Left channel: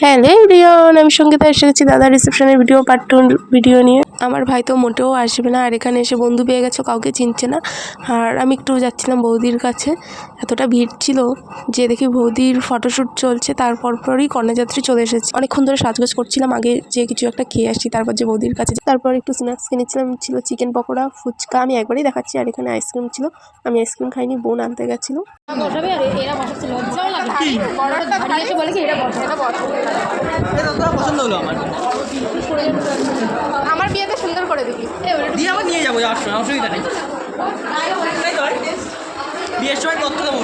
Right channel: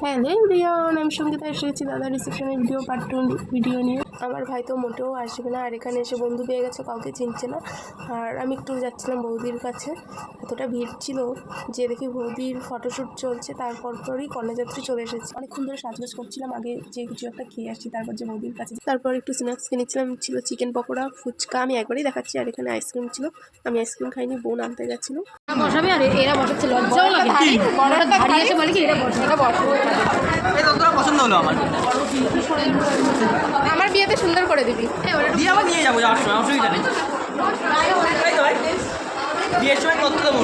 Hello everyone, আমি সঙ্গীতা এসে গেছি দাদা রিসেপশনের ভিডিও পার্ট 2 ভিডিও নিয়ে। আমার ভাই তো মোটেও আসবে না, আর এখানে এসে বন্ধু পেয়ে গেছে, কাউকে চিনছে না। আর আমি একটু যাচ্ছিলাম বৌদির কাছে, এতটা ভিড় ছিল যে দেখি বৌদির ফটোশ্যুট চলছে, তারপরই কন্যাযাত্রী চলে এসেছে। অনেকক্ষণ ধরে সাজগোজ করছিলাম, আগে যে কিছু একটা খেয়ে আসি, তারপর যে বৌদির কাছে। তারপর একটু স্ন্যাক্স কিনেছিলাম, ছিল চিকেন পকোড়া, ফুচকা, আমি একবারই দেখাচ্ছি। আর এখানে আইসক্রিম ছিল, আমি আইসক্রিম খাইনি, বোন আনতে গেছিলো। পছন্দ হলো আমার বিয়েতে সুন্দর করে দিবি, দিয়ে আবার নিয়ে যাবো যাওয়ার সময়, অসুবিধা নেই। বিয়ের সময় তথ্য দেবো।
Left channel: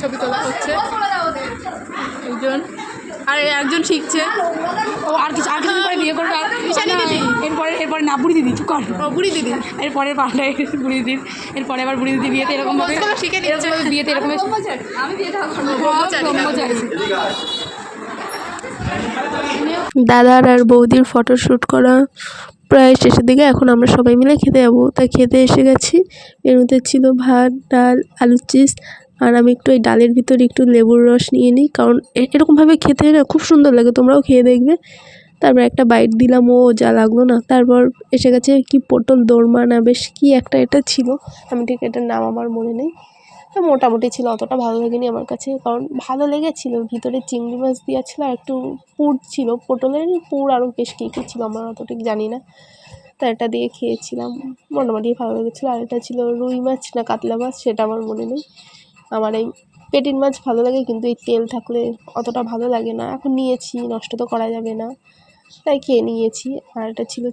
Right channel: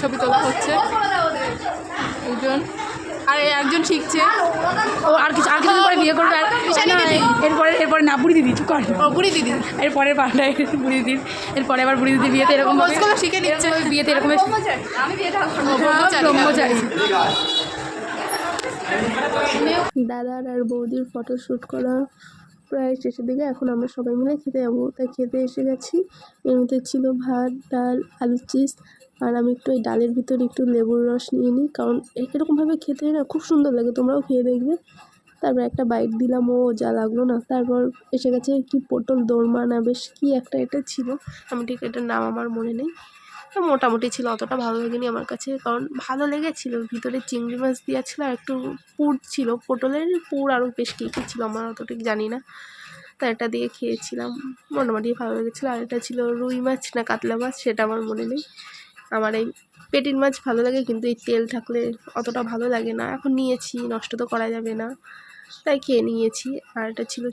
ছবি তোলা হচ্ছে, একজন আর একজন শিখছে, ও আর কিছু পরে বিয়ে করবে। এরপরে না বুড়ি দিদি চুপ কর, বুড়ি দিদি এরপরের পাল্টায় বুড়ি দিদির, এরপরে আবার বুড়ি দিদি বিয়েতে এরকম শিখে নিচ্ছে। বিয়েতে এরকম আমি বিয়েটা দাদার আর বৌদির ফটোশ্যুট করা প্রায় শেষের দিকে। এখন আমরা সবাই মিলে খেতে যাবো, তাই খেতে এসে গেছি। এর মধ্যে ছিল ভাত, ডাল, আলুর চিপস, আর আমি একটু এই ডালের ভিতরে একটু লেবুর রস নিয়ে নিই, কারণ এরকমভাবে খেতে না খুব সুন্দর লাগে, তোমরাও খেয়ে দেখবে। তারপর একটা বাইট দিলাম, ও যা লাগলো না। তারপর এসে গেছে কি পটল দোরমা না বেশ কি একটা এটা ছিল, আমি ঠিক এটার নাম আমার মনে নেই। মোটামুটি ছিল, অতটা ভালো লাগেনি আমার কাছে, কারণ ভালো লেগেছিল ভিতরে চিংড়ি মাছ দেওয়া ছিল, আর একটু পুর ছিল, পটলের পুর, আরও বেশ কী কী ছিল আমার অত ঠিক জানি না। তা এটা দিয়ে খেয়েছিলাম, মোটামুটি ভালো লেগেছিলো। আর এটা ছিল রুই মাছ না কাতলা মাছ, সেটা আমার মনে নেই। আমার এই পেটির মাছ ভালো লাগে, কিন্তু এই তেল থাকলে অতটা ভালো লাগে না। এখন নিয়েছি, নষ্ট তো করা যাবে না, তাই খেয়ে নিয়েছি। আর এটা ছিল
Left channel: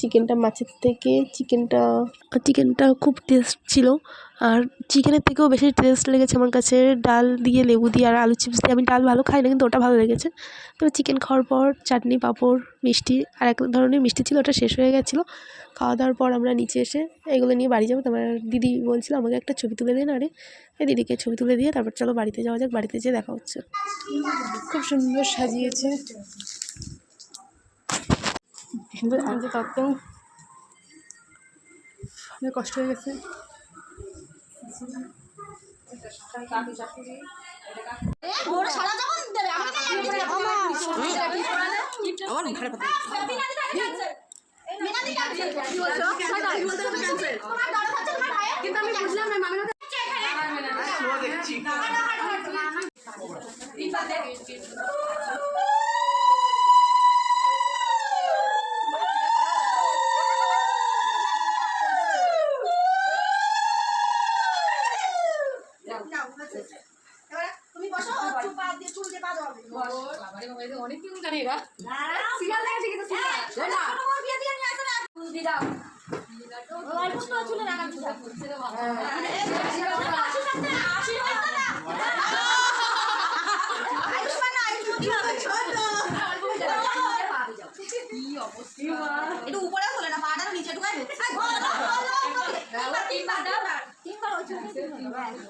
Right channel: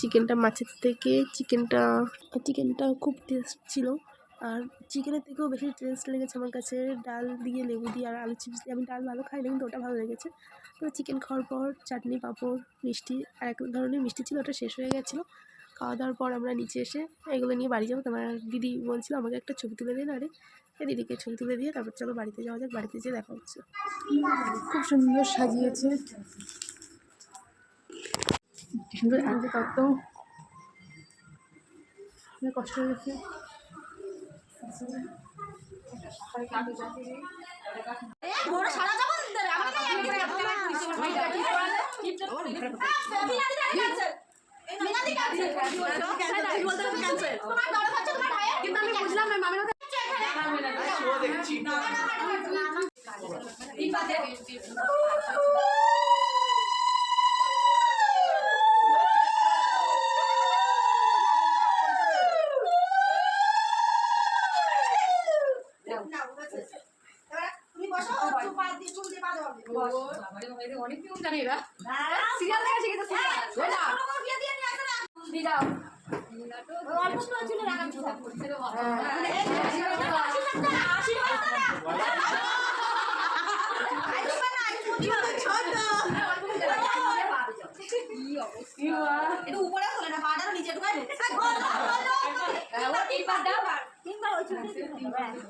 চিকেনটা মাছের থেকে চিকেনটা খুব টেস্ট ছিল, আর চিকেনের থেকেও বেশি টেস্ট লেগেছে আমার কাছে ডাল দিয়ে, লেবু দিয়ে আর আলু চিপস দিয়ে। আমি ডাল ভালো খাই না, কিন্তু ওটা ভালো লেগেছে। তবে চিকেন খাওয়ার পর চাটনি, পাঁপড়, মিষ্টি, আর এক ধরনের মিষ্টি ছিল, ওটা শেষ হয়ে গেছিলো। খাওয়া দাওয়ার পর আমরা নিচে এসে এগুলো নিয়ে বাড়ি যাবো। তারপর দিদি বলছিল আমাকে একটা ছবি তুলে দিন, আরে এই দিদিকে ছবি তুলে দিয়ে তারপর চলো বাড়িতে যাওয়া যাক। বাড়িতে যেয়ে দেখা হচ্ছে। খুব সুন্দর সাজিয়েছে, সুন্দর আনছে তত্ত্ব, অনেক কষ্ট হয়ে গেছে। অনেক নিয়ম জানি এরা, সিরিয়াল দেখে শিখেছে।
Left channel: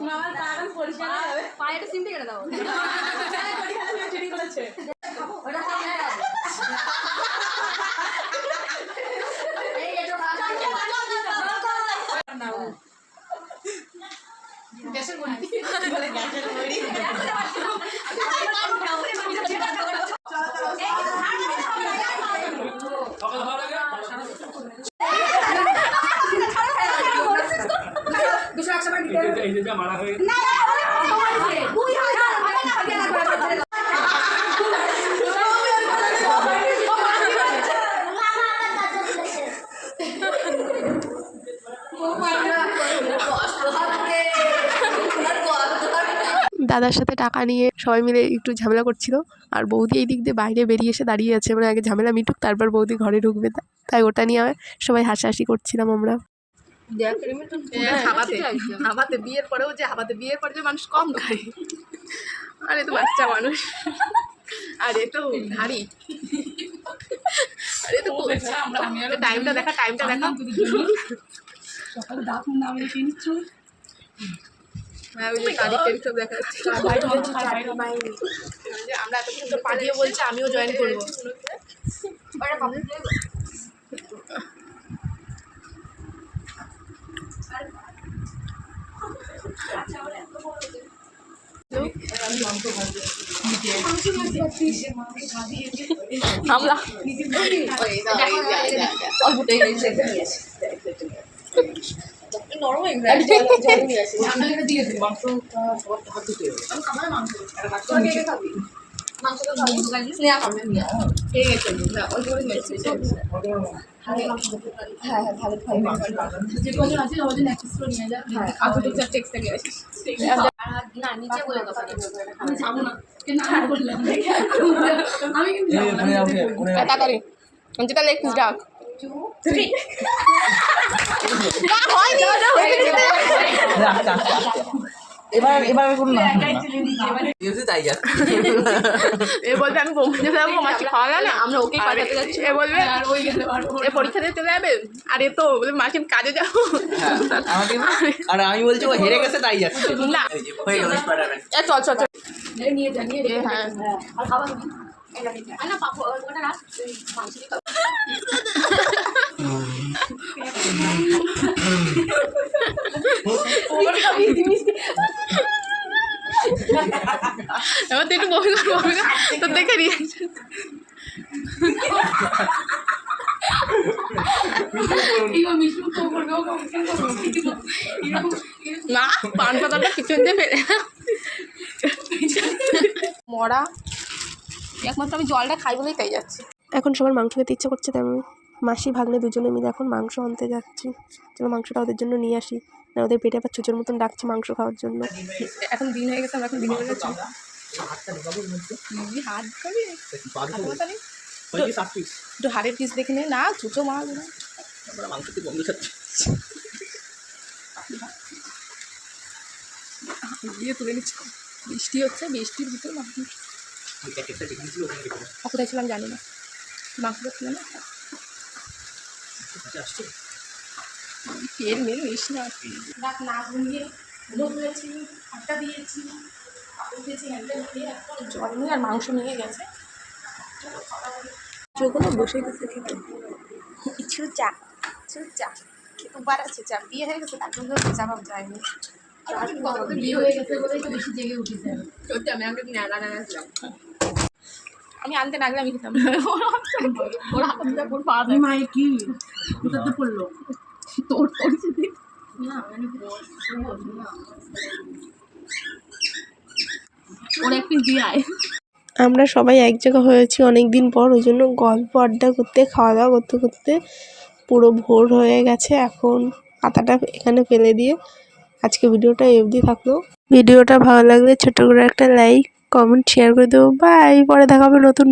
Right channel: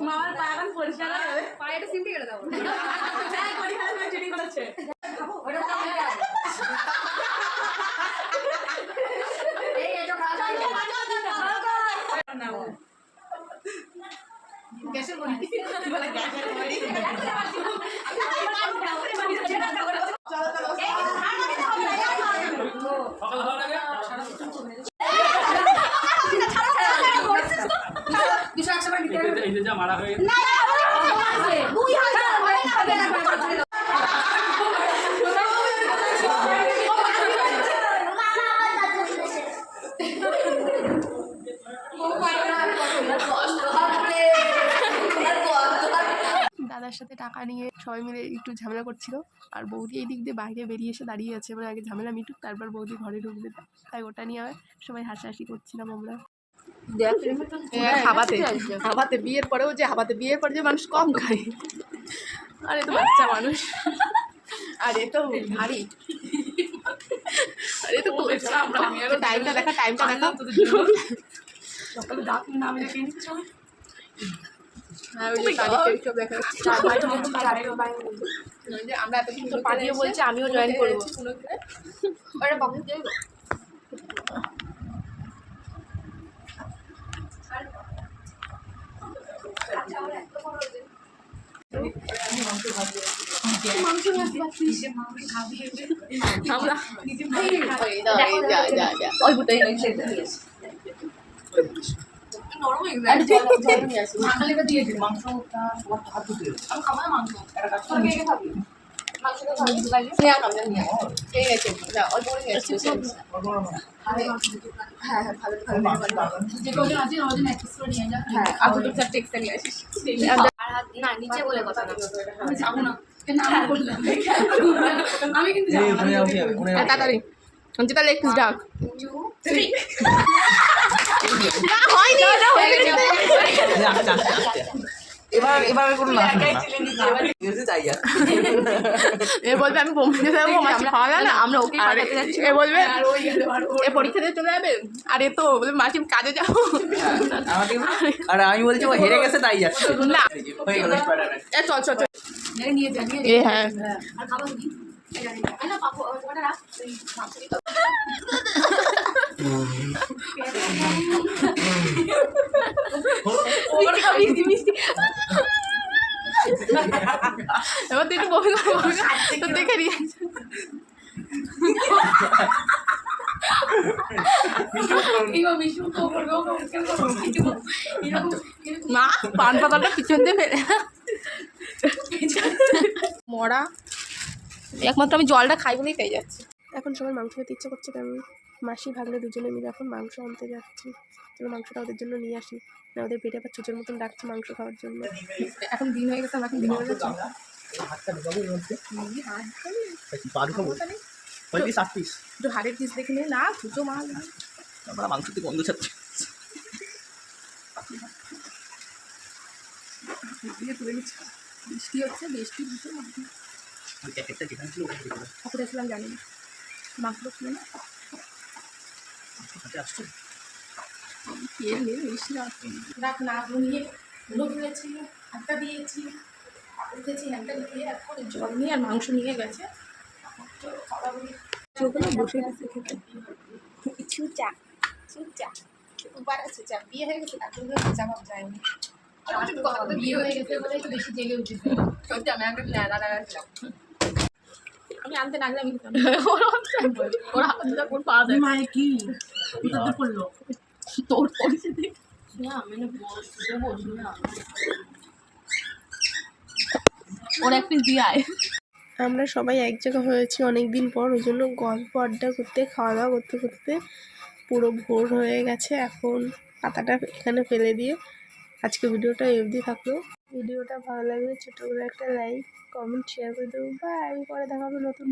মামার পাগান পরিষ্কার হবে, পায়ে একটা সিমটি কেটে দাও। চুরি করেছে গ্যাসের বড়ি বলে, গ্যাসের বড়ি মারা হয়ে দাদার সাথে টাকা নিয়ে সবাই মিলে একটু ঝামেলা করছিল, আর বৌদি এই দিক দিয়ে বাইরে বেরিয়ে এসে দাঁড়িয়ে আছে, মানে আগে ঝামেলা মিটুক তারপর বৌদি ঘরে ঢুকবে, তাই ওটা নিয়ে সবাই হাসাহাসি করছিলাম আমরা। হাবাতে বিয়ের পরেও যে বিয়ের পরে যে মানুষ কম খায়, আর এ তো বাচ্চা মানুষ, আর এ তো ভারী, আরে তো টাইমটা দেখা সকালে দাঁত নামে কিনছ। হ্যাঁ, ওই যে তারিখ সব দেখা যাচ্ছে। আমরা এতক্ষণ তো পাঠিয়ে বলছি আমিও জয়েন করবো। আমরা না নিচে বলে কথা না আমি কিন্তু তাড়াতাড়ি যেটা লেগ পিস ডাক এবার করুন না তাই যাচ্ছে এ বলবে আমি বোম্বে যাবো মাছি খাওয়া যায় না আমরা ওকে পাঠাতে যাচ্ছি এ বলবে এ পরীক্ষা দিয়ে চলে যাবে আর এ তো বলবে মাসি আমি কাজে যাবো আর আমি বলছি ও হেরে গেছে তাই যাচ্ছে না হয়ে গেল স্পাইডারম্যান এ চল চল চল নিয়ে যা নিয়ে এ হ্যাঁ আর খাবার তুমি না পাপু ওটা রাখ মাংস এবার তুই একটু বমি কর তোর দেখে রিয়াকশন না পান পাতাটা পিছন দিয়ে ফেলে মরা একমাত্র আমি জলটা খাই বলেই তাই যাচ্ছি এখন সবার মাংস খেতে ইচ্ছা করছে, তেমন মাসি ভাগ্নে দুজনে মিলে এখন মাংস আনতে যাচ্ছি। চলো মাংসটা ওদের জন্য নিয়ে আসি, না ওদের পেটে আবার চুচোর মতন ডাকছে মাংস খাওয়ার জন্য। এখন দিন হয়ে গেছে আমরা এখন দিনে বেলা যাচ্ছি হাতটা ঢোকাবো এর মধ্যে হাত খাবি পা ঢোকাবো তাহলে ওই সাত পিস একটু হাড়ের পিস দেখে নেই না চুচো মাছ আমরা মাংস থেকে বন্ধ যাচ্ছে দিয়ে তুলে নিচ্ছি বৃষ্টি হচ্ছে বৃষ্টির ভিতরে মাছ ওই প্যাকেটটা যেখানে ছিল ওখানে রেখে দাও কোথায় ছিলাম জানি না মাংসটা ছিল না কাছে আসছে তেল মেল মিশ না রাত না ঘুমিয়ে গুলো তুলেছি আটটা দিয়েছি উঠেছি হ্যান্ডেল খেয়ে এখন জল নিয়ে আর মাংস নিয়ে গেছে চোখগুলো বসে গেছে খেতে। চুচা চুচা উবার চুচা বিয়ে হয়ে গেছে তার জন্য চুচা ভাব যায়নি বিয়ে হয়ে গেছে বলে একটু বেশি জেগে উঠেছে সত্যি আমি আমাকে ছিলাম আমি আনতে না গেলে আমি খেতাম ওরা হাত দিতে কোন পাওয়া যায় মাই কি কোথাতে পড়লো তোর পরিস্থিতি না মানে বল না ওর এক পিস দিয়ে আয় আমরা সবাই এক জায়গা হয়েছি অনেক দিন পর, ওই জন্য গল্প আড্ডা করতে খাওয়া দাওয়া করতে করতে পুরো ভোর হয়ে গেছে। এখন পাতাটা এখানে ফেলে দিয়ে আজকে ভিডিওটা অবধি থাকলো। ভিডিওটা ভালো লাগলে ছোট করে একটা লাইক কমেন্ট শেয়ার করে দেবো। বাই, পরে দেখা হবে নতুন